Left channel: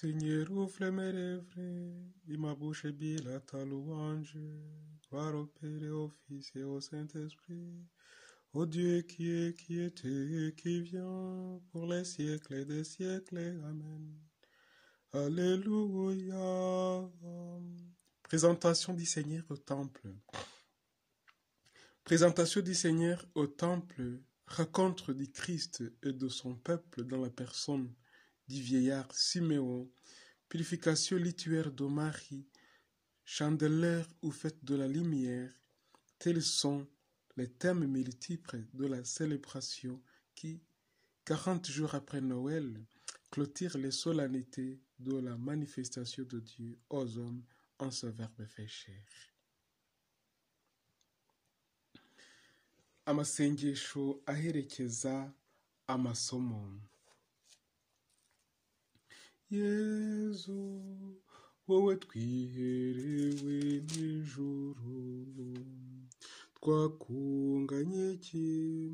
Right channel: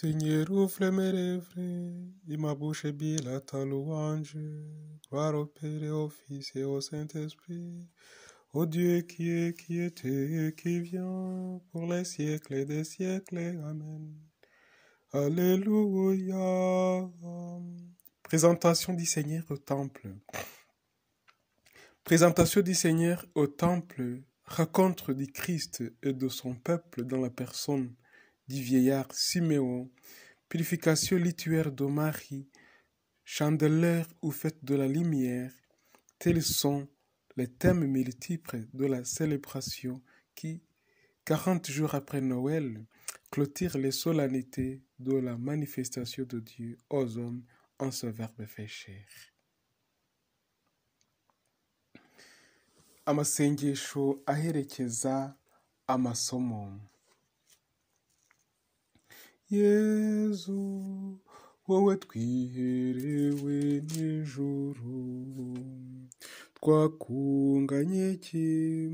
Seigneur, ouvre mes lèvres, et ma bouche est ta louange. Gloire au Père et au Fils et au Saint-Esprit, au Dieu qui était et qui vient, pour les siècles des siècles. Amen. Alléluia. Présentation du Seigneur au temple. Présentation du Seigneur au temple, rencontre du Christ et de son peuple dans la personne du vieillard Siméon, purification lituaire de Marie, chandelière ou fête de la lumière, tels sont les thèmes multiples de la célébration qui, 40 jours après Noël, clôture les solennités de la manifestation de Dieu aux hommes en ce Verbe fait chair. Amasengesho aherekeza amasomo. Yezu, wowe twiherewe n'ijuru, twakunganye iki,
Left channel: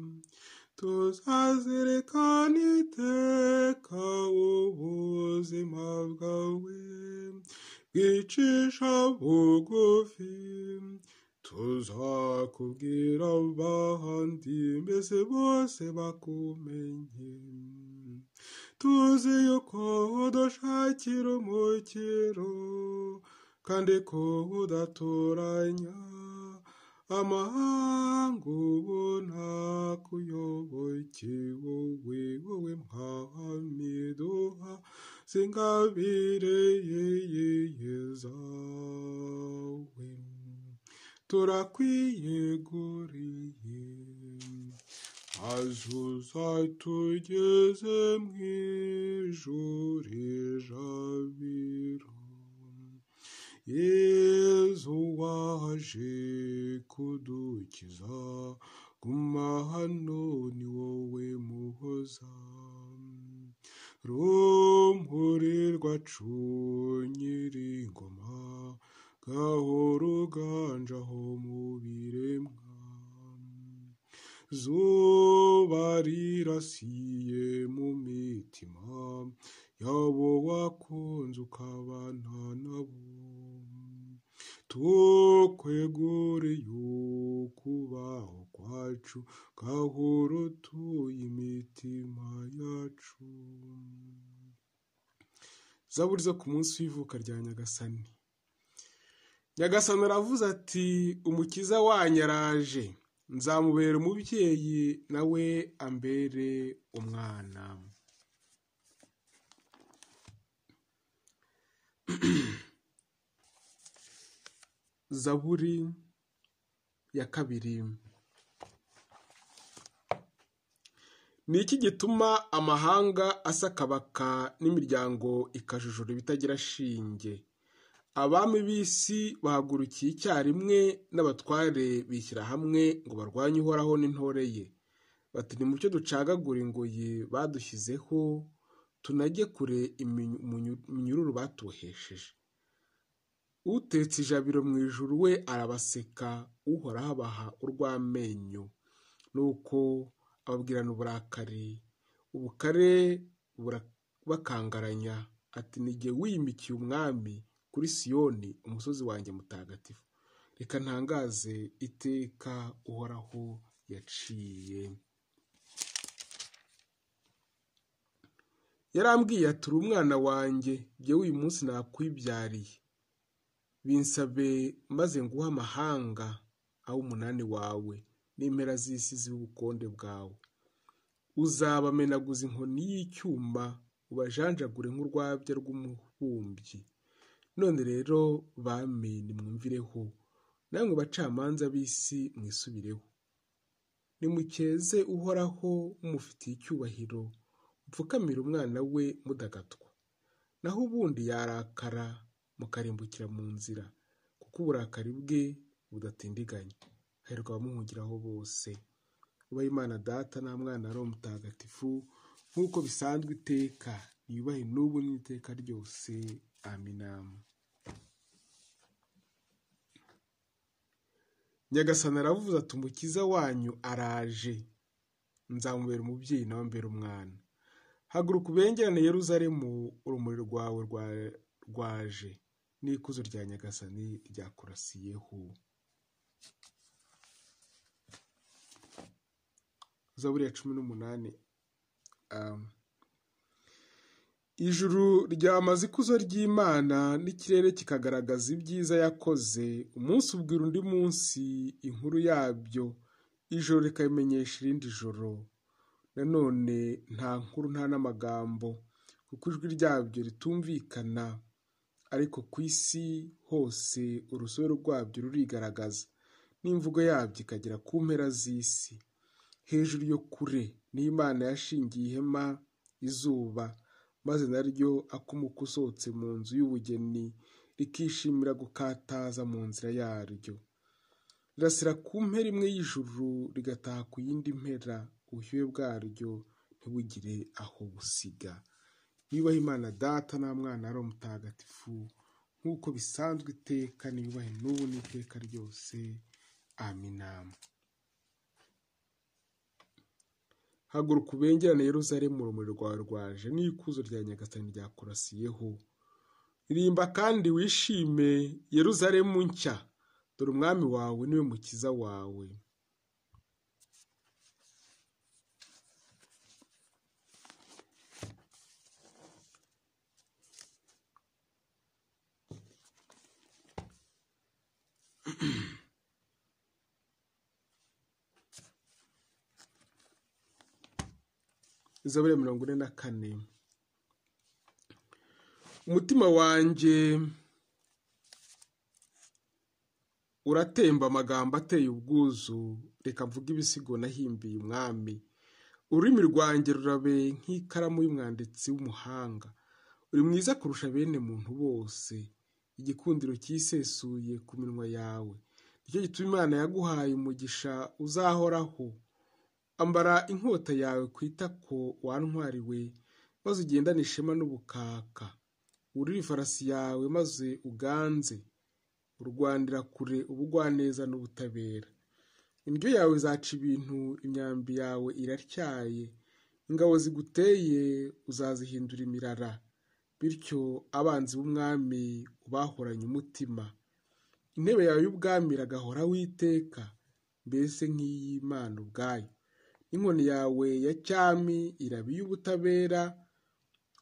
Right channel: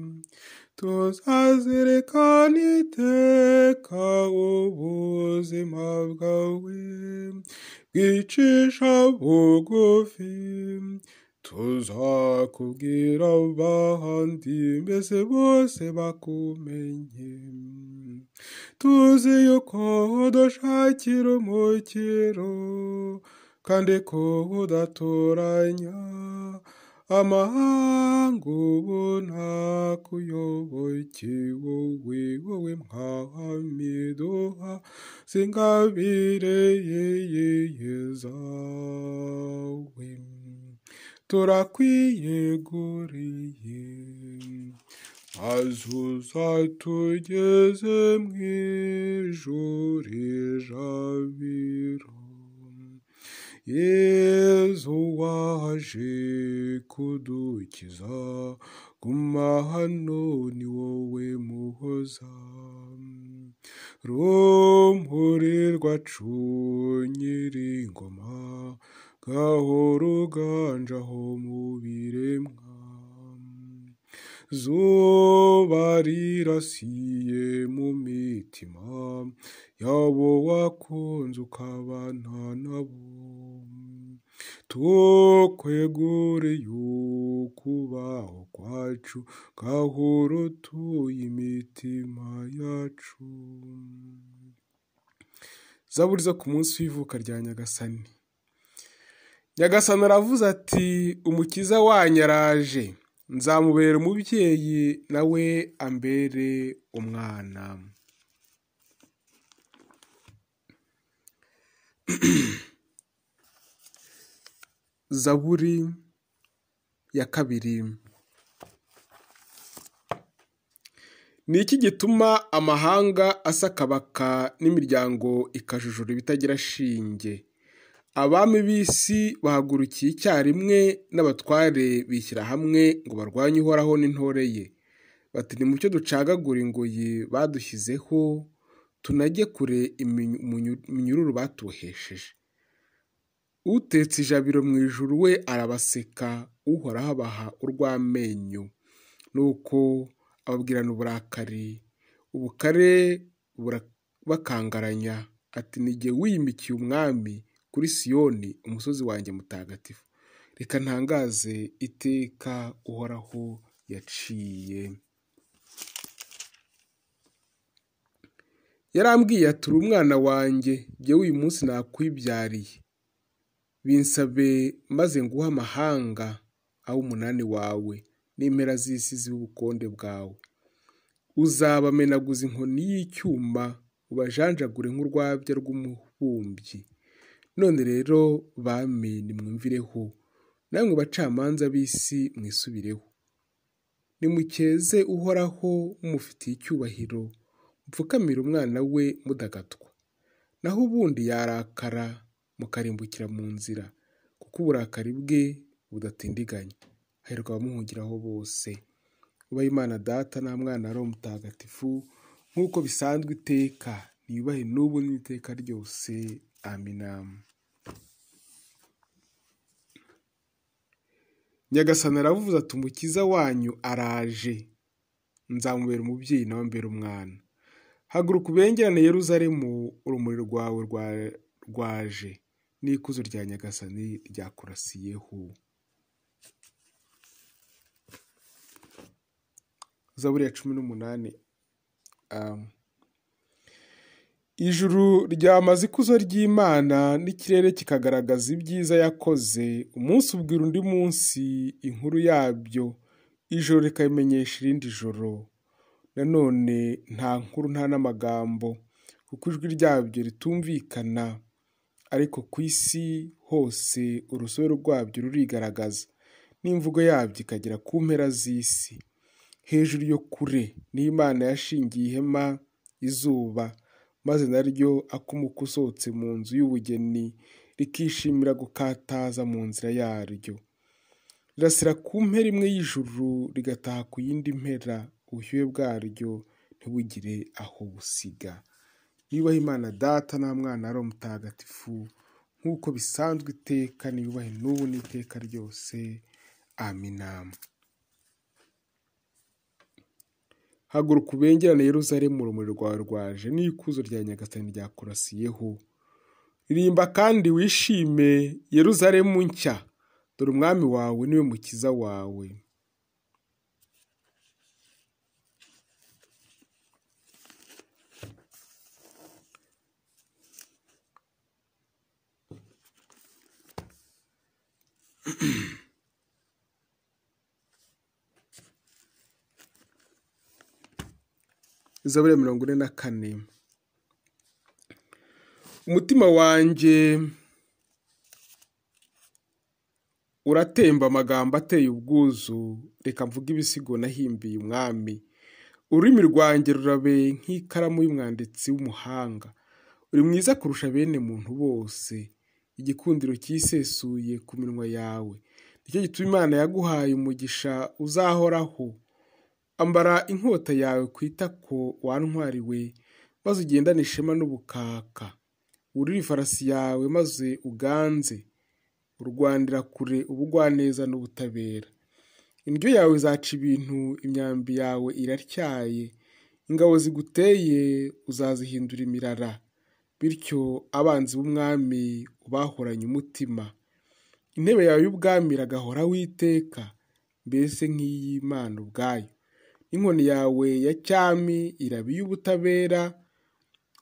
tuzazirikana iteka ubuzima bwawe, bwicisha bugufi, tuzakubwira abandi mbese bose bakumenye. Tuzi yuko udushakira umukiro kandi ko udatoranya amahanga ubu ntakuyoboke wowe mwami duha zingabire zawe turakwiyeguriye maze uzatugeze mu ijuru ijabiro. Yezu waje kudukiza, guma hano ni wowe muhoza, rumuri rwacu nyiringoma, gahora uganjaho mu biremwa. Zuba rirasiye mu mitima yabo wakunze ukabana nabo, tukweguriye ukubaho kwacu, gahora utuye imitima yacu. Zaburi zo ku munsi w'ivuka rya Nyagasani. Nyagasani aravuze ati, umukiza wanyu araje, nzamubera umubyeyi nawe ambere umwana. Zaburi ya kabiri. Ni iki gituma amahanga asakabaka n'imiryango ikajujura ibitagira shinge? Abami b'isi bahagurukiye icyarimwe n'abatware bishyira hamwe ngo barwanye Uhoraho n'intore ye. Bati nimucyo ducagagure ingoyi badushyizeho, tunajye kure iminyururu batuhesheje. Utetse ijabiro mu ijuru we arabaseka, Uhoraho abaha urw'amenyo. Nuko ababwirana uburakari, ubukare burabakangaranya, ati ni jye wiyimikiye umwami kuri Siyoni umusozi wanjye mutagatifu. Reka ntangaze iteka Uhoraho yaciye. Yarambwiye ati uri umwana wanjye, jyewe uyu munsi nakwibyariye. Binsabe maze nguhe amahanga aho umunani wawe n'impera z'isi z'ubukonde bwawe. Uzabamenaguza inkoni y'icyuma, ubajanjagure nk'urwabya rw'umubumbyi. None rero bami nimwumvireho, namwe bacamanza b'isi mwisubireho. Nimukeze Uhoraho mumufitiye icyubahiro, mupfukamire umwana we mudagadwa. Naho ubundi yarakara mukarimbukira mu nzira, kuko uburakari bwe budatindiganya. Hahirwa abamuhungiraho bose. Ubahe Imana Data na Mwana na Roho Mutagatifu, nk'uko bisanzwe iteka, niyubahe n'ubu n'iteka ryose. Amina. Nyagasani aravuze ati, umukiza wanyu araje, nzamubera umubyeyi nawe ambere umwana. haguruka ubengerane Yeruzalemu, urumuri rwawe rwaje, n'ikuzo rya Nyagasani ryakurasiyeho. Zaburi ya 18. Ijuru ryamaze ikuzo ry'Imana, n'ikirere kikagaragaza ibyiza yakoze. Umunsi ubwira undi munsi inkuru yabyo, ijoro rikabimenyesha irindi joro. Nanone nta nkuru nta n'amagambo, kuko ijwi ryabyo ritumvikana. Ariko ku isi hose urusobe rwabyo rurigaragaza, n'imvugo yabyo ikagera ku mpera z'isi. Hejuru yo kure n'Imana yashingiye ihema izuba, maze naryo akumuka usohotse mu nzu y'ubugeni rikishimira gukataza mu nzira yaryo. Rirasira ku mpera imwe y'ijuru rigataha ku yindi mpera, ubushyuhe bwaryo ntibugire aho busiga. Yubahe Imana Data na Mwana na Mutagatifu, nk'uko bisanzwe iteka, niyubahe n'ubu n'iteka ryose. Amina. Haguruka ubengerane Yeruzalemu, urumuri rwawe rwaje, n'ikuzo rya Nyagasani ryakurasiyeho. Ririmba kandi wishime Yeruzalemu nshya, dore umwami wawe niwe mukiza wawe. Zaburi ya 44. Umutima wanjye uratemba amagambo ateye ubwuzu, reka mvuge ibisigo nahimbiye umwami. Ururimi rwanjye rurabe nk'ikaramu y'umwanditsi w'umuhanga. Uri mwiza kurusha bene muntu bose, igikundiro cyisesuye ku minwa yawe. Nicyo gituma Imana yaguhaye umugisha uzahoraho. Ambara inkota yawe ku itako, wantwariwe, maze ugendane ishema n'ubukaka. Wurire ifarasi yawe maze uganze, urwanira kure ubugwaneza n'ubutabera. Indyo yawe izaca ibintu, imyambi yawe iratyaye. Ingabo ziguteye uzazihindura imirara, bityo abanzi b'umwami ubahoranye umutima. Intebe yawe y'ubwami iragahoraho iteka, mbese nk'iy'Imana ubwayo. Inkoni yawe ya cyami iraba iy'ubutabera,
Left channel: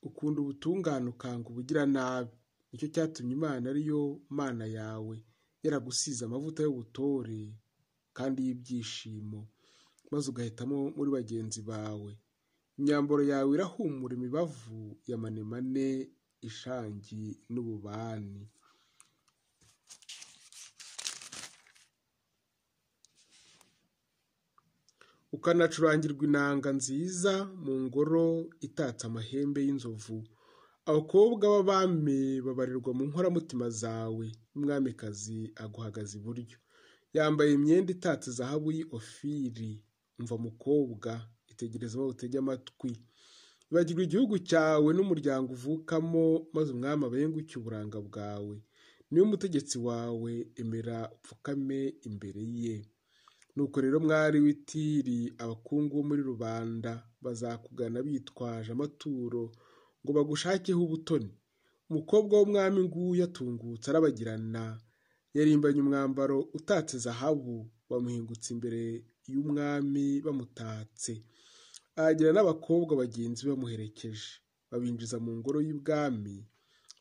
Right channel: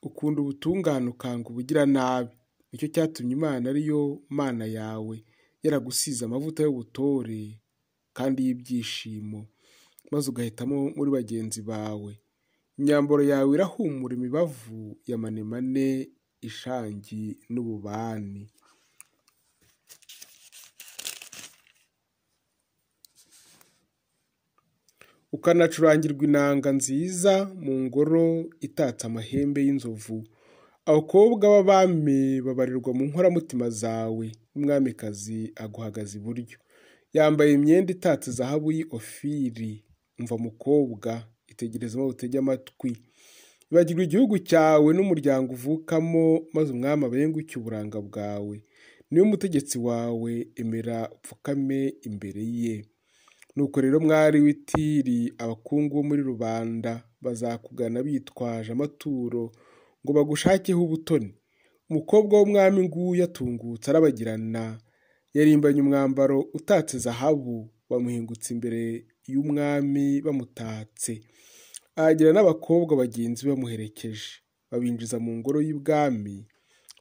ukunda ubutungane ukanga ubugiranabi. Nicyo cyatumye Imana ariyo Mana yawe yaragusize amavuta y'ubutore kandi y'ibyishimo, maze ugahitamo muri bagenzi bawe. Imyambaro yawe irahumura imibavu ya manemane, ishangi n'ububani. Ukanacurangirwa inanga nziza mu ngoro itatse amahembe y'inzovu. Abakobwa b'abami babarirwa mu nkoramutima zawe, n'umwamikazi aguhagaze iburyo. Yambaye imyenda itatse zahabu y'Ofiri. Umva mukobwa, itegereze maze utege amatwi. Ibagirwa igihugu cyawe n'umuryango uvukamo, maze umwami abenguke uburanga bwawe. Niwe mutegetsi wawe, emera upfukame imbere ye. Nuko rero mwari w'Itiri, abakungu bo muri rubanda bazakugana bitwaje amaturo ngo bagushakeho ubutoni. Umukobwa w'umwami nguyu atungutse arabagirana, yarimbanye umwambaro utatse zahabu, bamuhingutse imbere y'umwami bamutatse. Ahagira n'abakobwa bagenzi bamuherekeje, babinjiza mu ngoro y'ibwami,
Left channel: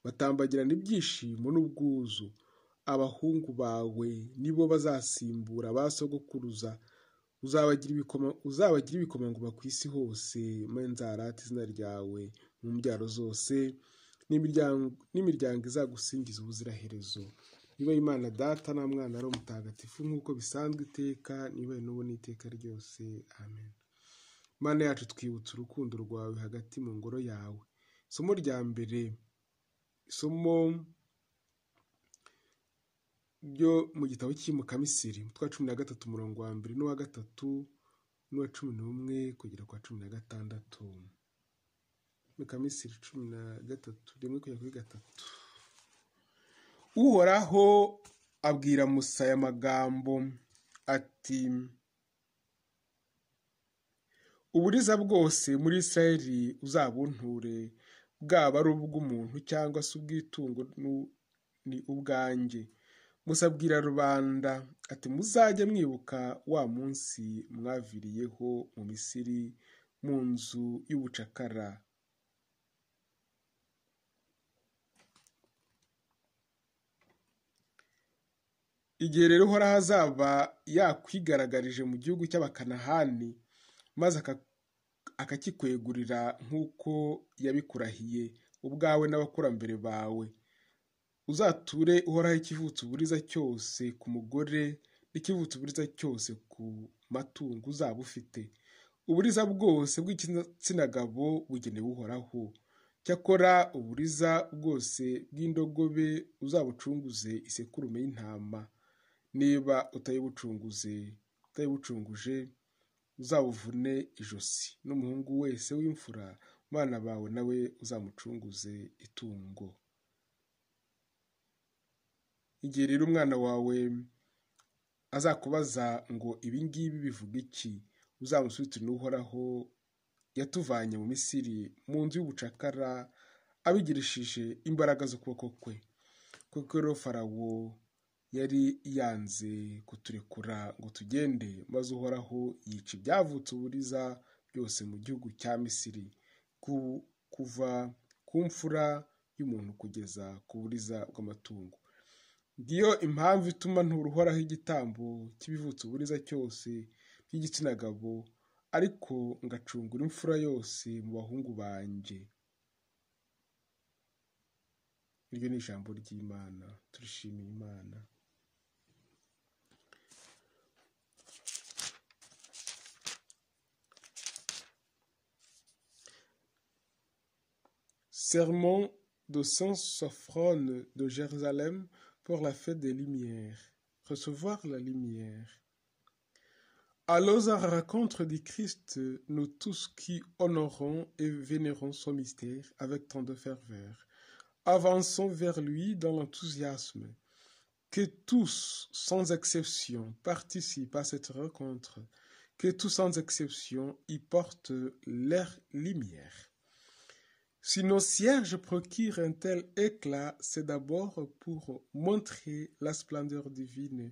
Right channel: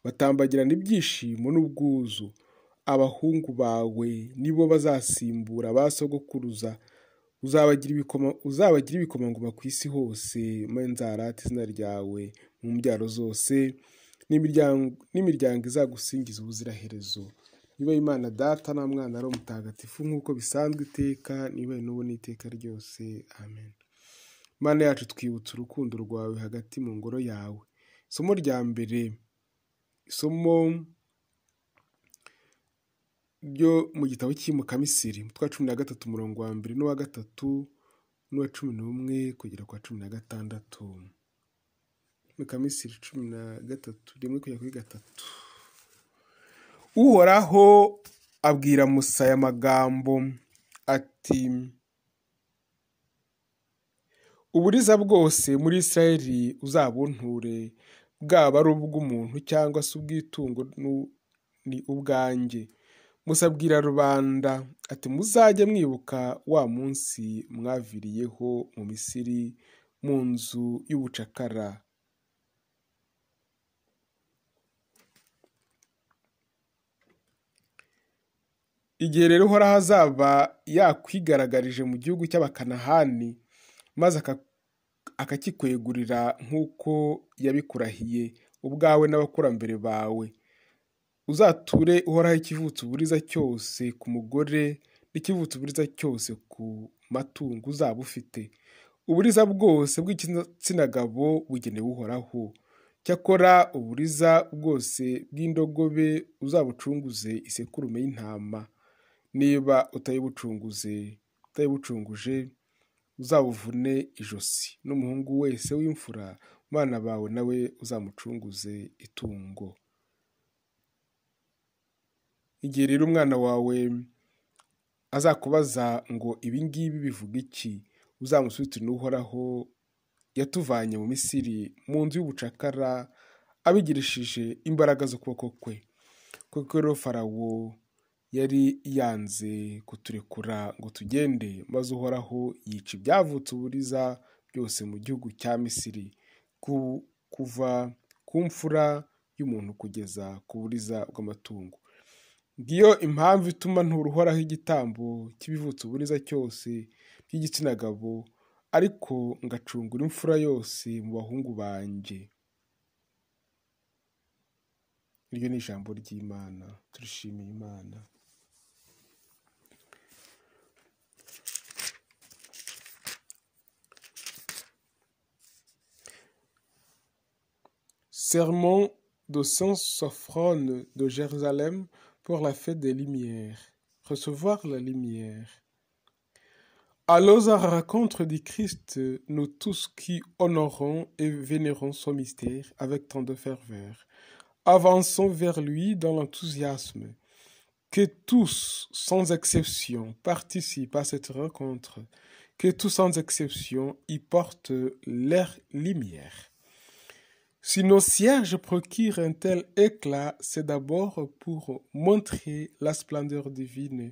batambagirana ibyishimo n'ubwuzu. Abahungu bawe nibo bazasimbura ba sogokuruza, uzabagira ibikomangoma ku isi hose, maze nzarate izina ryawe mu mbyaro zose, n'imiryango izagusingiza ubuziraherezo. Niba Imana Data na Mwana na Mutagatifu, nk'uko bisanzwe iteka, niba n'ubu n'iteka ryose. Amen. Mana yacu, twibutse urukundo rwawe hagati mu ngoro yawe. Isomo rya mbere, isomo ryo mu gitabo cy'Imukamisiri, umutwe wa 13 umurongo wa 2 n'uwa 3 n'uwa 11 kugera kwa 16. Imukamisiri 13 rimwe kugera kuri 3. Uhoraho abwira Musa aya magambo ati: uburiza bwose muri Isirayeli uzabunture, bwaba ari ubw'umuntu cyangwa se ubw'itungo ni ubwanjye. Musa abwira rubanda ati muzajye mwibuka wa munsi mwaviriyeho mu Misiri mu nzu y'ubucakara. Igihe rero Uhoraho azaba yakwigaragaje mu gihugu cy'Abakanahani maze akakikwegurira nk'uko yabikurahiye ubwawe n'abakurambere bawe, uzature Uhoraho ikivutse uburiza cyose ku mugore n'ikivutse uburiza cyose ku matungo uzaba ufite. Uburiza bwose bw'igitsina gabo bugenewe Uhoraho. Cyakora uburiza bwose bw'indogobe uzabucunguze isekurume y'intama. Niba utayibucunguje uzabuvune ijosi, n'umuhungu wese w'imfura mu bana bawe nawe uzamucunguze itungo. Igihe rero umwana wawe azakubaza ngo ibi ngibi bivuga iki, uzamusubize n'Uhoraho yatuvanye mu Misiri mu nzu y'ubucakara abigirishije imbaraga z'ukuboko kwe. Kuko rero Farawo yari yanze kuturekura ngo tugende, maze Uhoraho yica ibyavutse uburiza byose mu gihugu cya Misiri, kuva ku mfura y'umuntu kugeza ku buriza bw'amatungo. Ngiyo impamvu ituma ntura Uhoraho igitambo cy'ibivutse uburiza cyose by'igitsina gabo, ariko ngacungura imfura yose mu bahungu banjye. Iryo ni ijambo ry'Imana. Turishimiye Imana. Sermon de Saint-Sophrone de Jérusalem pour la fête des Lumières. Recevoir la lumière. Allons à la rencontre du Christ, nous tous qui honorons et vénérons son mystère avec tant de ferveur. Avançons vers lui dans l'enthousiasme. Que tous, sans exception, participent à cette rencontre. Que tous, sans exception, y portent leur lumière. Si nos cierges procurent un tel éclat, c'est d'abord pour montrer la splendeur divine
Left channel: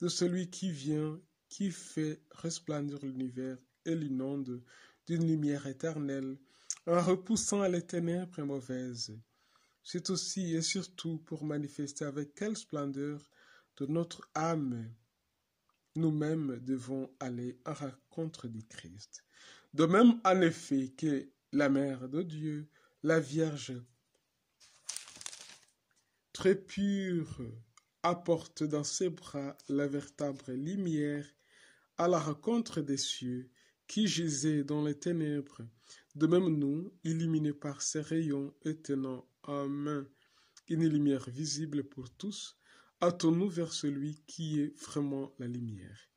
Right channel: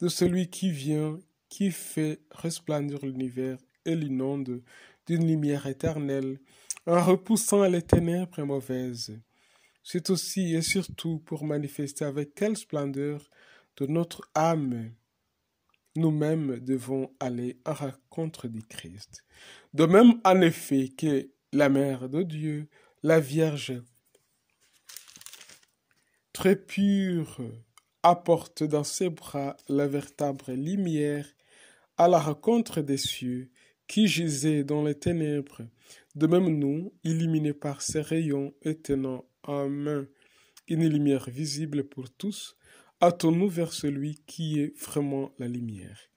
de celui qui vient, qui fait resplendir l'univers et l'inonde d'une lumière éternelle, en repoussant les ténèbres mauvaises. C'est aussi et surtout pour manifester avec quelle splendeur de notre âme nous-mêmes devons aller en rencontre du Christ. De même, en effet, que la Mère de Dieu, la Vierge, très pure, apporte dans ses bras la véritable lumière à la rencontre des cieux qui gisaient dans les ténèbres. De même, nous, illuminés par ses rayons et tenant en main une lumière visible pour tous, hâtons-nous vers celui qui est vraiment la lumière.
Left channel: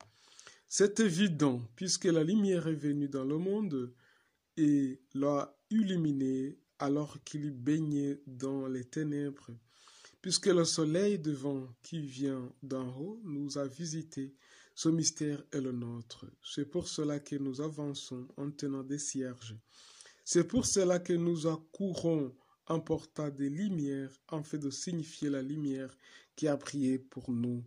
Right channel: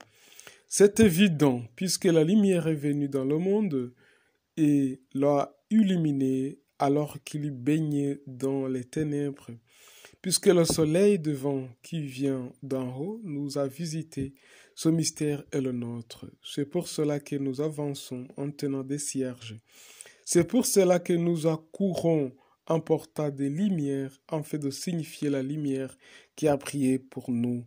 C'est évident, puisque la lumière est venue dans le monde et l'a illuminé alors qu'il baignait dans les ténèbres, puisque le soleil devant qui vient d'en haut nous a visités, ce mystère est le nôtre. C'est pour cela que nous avançons en tenant des cierges. C'est pour cela que nous accourons en portant des lumières, en fait de signifier la lumière qui a brillé pour nous,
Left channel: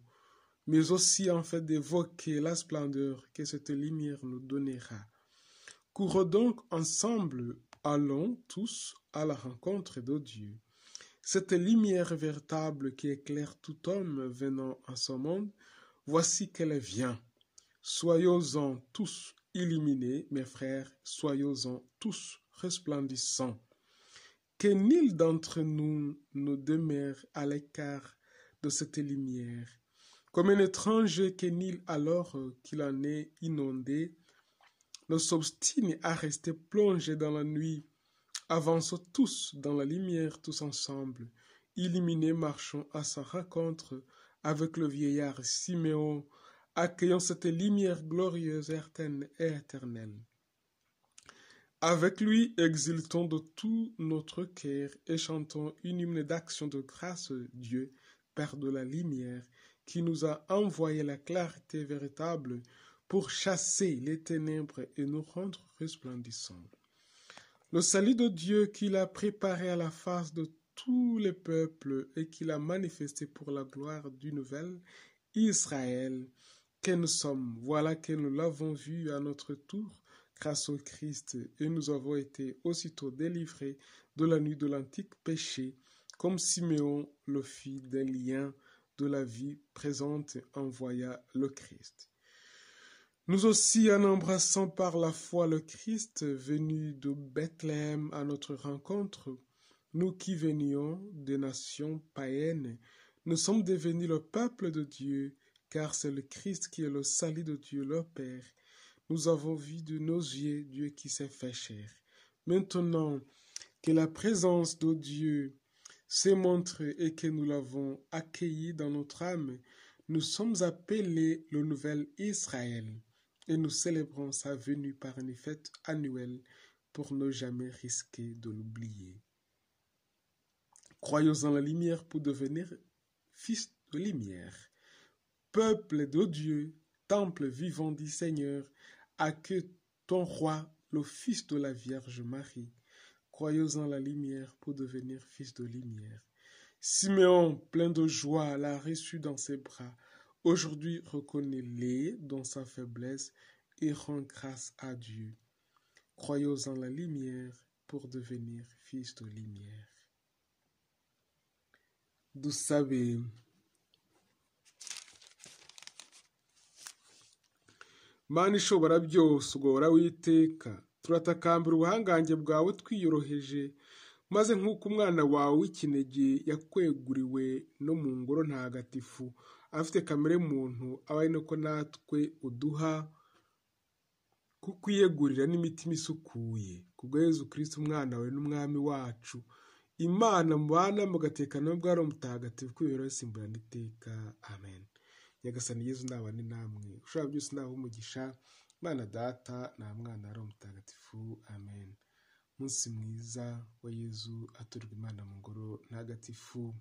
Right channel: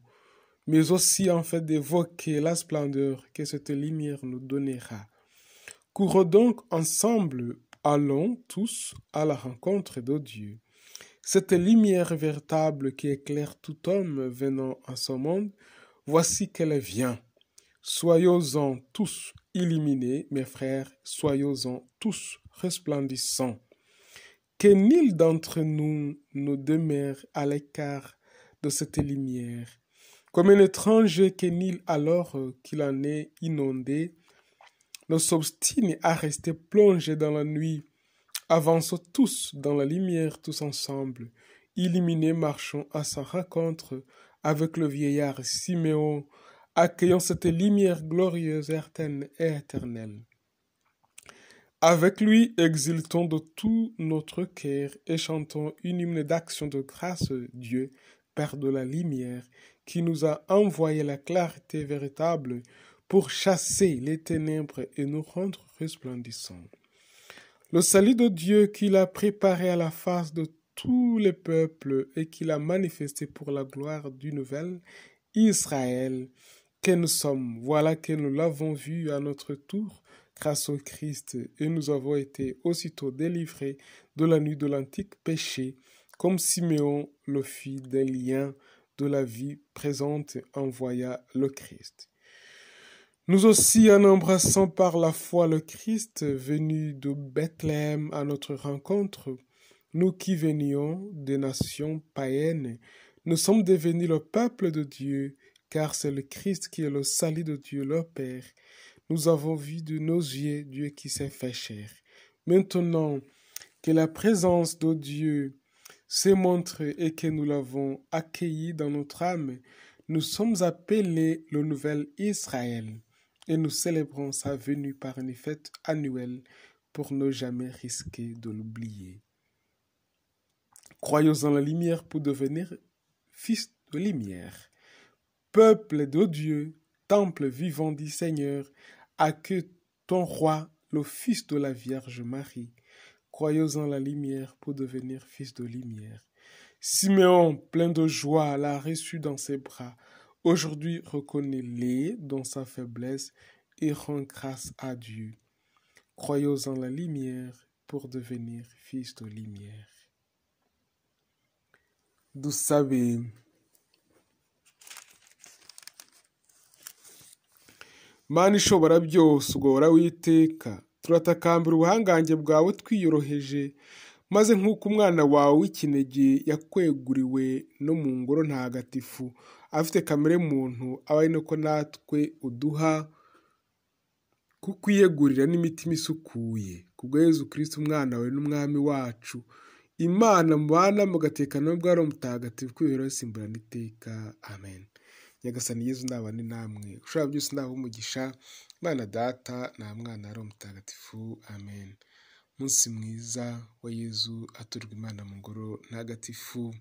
mais aussi en fait d'évoquer la splendeur que cette lumière nous donnera. Courons donc ensemble, allons tous à la rencontre de Dieu. Cette lumière véritable qui éclaire tout homme venant à ce monde, voici qu'elle vient. Soyons-en tous illuminés, mes frères, soyons-en tous resplendissants. Que nul d'entre nous ne demeure à l'écart de cette lumière. Comme un étranger que nul alors qu'il en est inondé, ne s'obstine à rester plongé dans la nuit. Avançons tous dans la lumière, tous ensemble. Illuminés, marchons à sa rencontre avec le vieillard Siméon, accueillons cette lumière glorieuse, et éternelle. Avec lui, exultons de tout notre cœur et chantons une hymne d'action de grâce, Dieu, Père de la lumière, qui nous a envoyé la clarté véritable pour chasser les ténèbres et nous rendre resplendissants. Le salut de Dieu qu'il a préparé à la face de tous les peuples et qu'il a manifesté pour la gloire du nouvel Israël que nous sommes. Voilà que nous l'avons vu à notre tour grâce au Christ et nous avons été aussitôt délivrés de la nuit de l'antique péché, comme Siméon le fit des liens de la vie présente envoya le Christ. Nous aussi, en embrassant par la foi le Christ venu de Bethléem à notre rencontre, nous qui venions des nations païennes, nous sommes devenus le peuple de Dieu, car c'est le Christ qui est le salut de Dieu, le Père. Nous avons vu de nos yeux Dieu qui s'est fait chair. Maintenant que la présence de Dieu s'est montrée et que nous l'avons accueilli dans notre âme, nous sommes appelés le nouvel Israël et nous célébrons sa venue par une fête annuelle pour ne jamais risquer de l'oublier. Croyons en la lumière pour devenir fils de lumière. Peuple de Dieu, temple vivant du Seigneur, accueille ton roi, le fils de la Vierge Marie. Croyons en la lumière pour devenir fils de lumière. Siméon, plein de joie, l'a reçu dans ses bras. Aujourd'hui, reconnais-les dans sa faiblesse et rends grâce à Dieu. Croyons en la lumière pour devenir fils de lumière. Dusabe. Mana ishobora byose, ugora witeka, turatakambira ubuhangange bwawe twiyoroheje, maze nk'uko umwana wawe w'ikinege yakweguriwe no mu ngoro ntagatifu afite kamere muntu, aba ari nako natwe uduha kukwiyegurira n'imitima isukuye kubwa Yezu Kristo umwana wawe n'umwami wacu, Imana mubana mugatekana n'ubwaro mutagatifu kwibera simburana iteka. Amen. Nyagasani Yezu nabane namwe, ushobora byose ndaho umugisha, Imana Data na Mwana ari mutagatifu. Amen. Munsi mwiza wa Yezu aturwa Imana mu ngoro ntagatifu.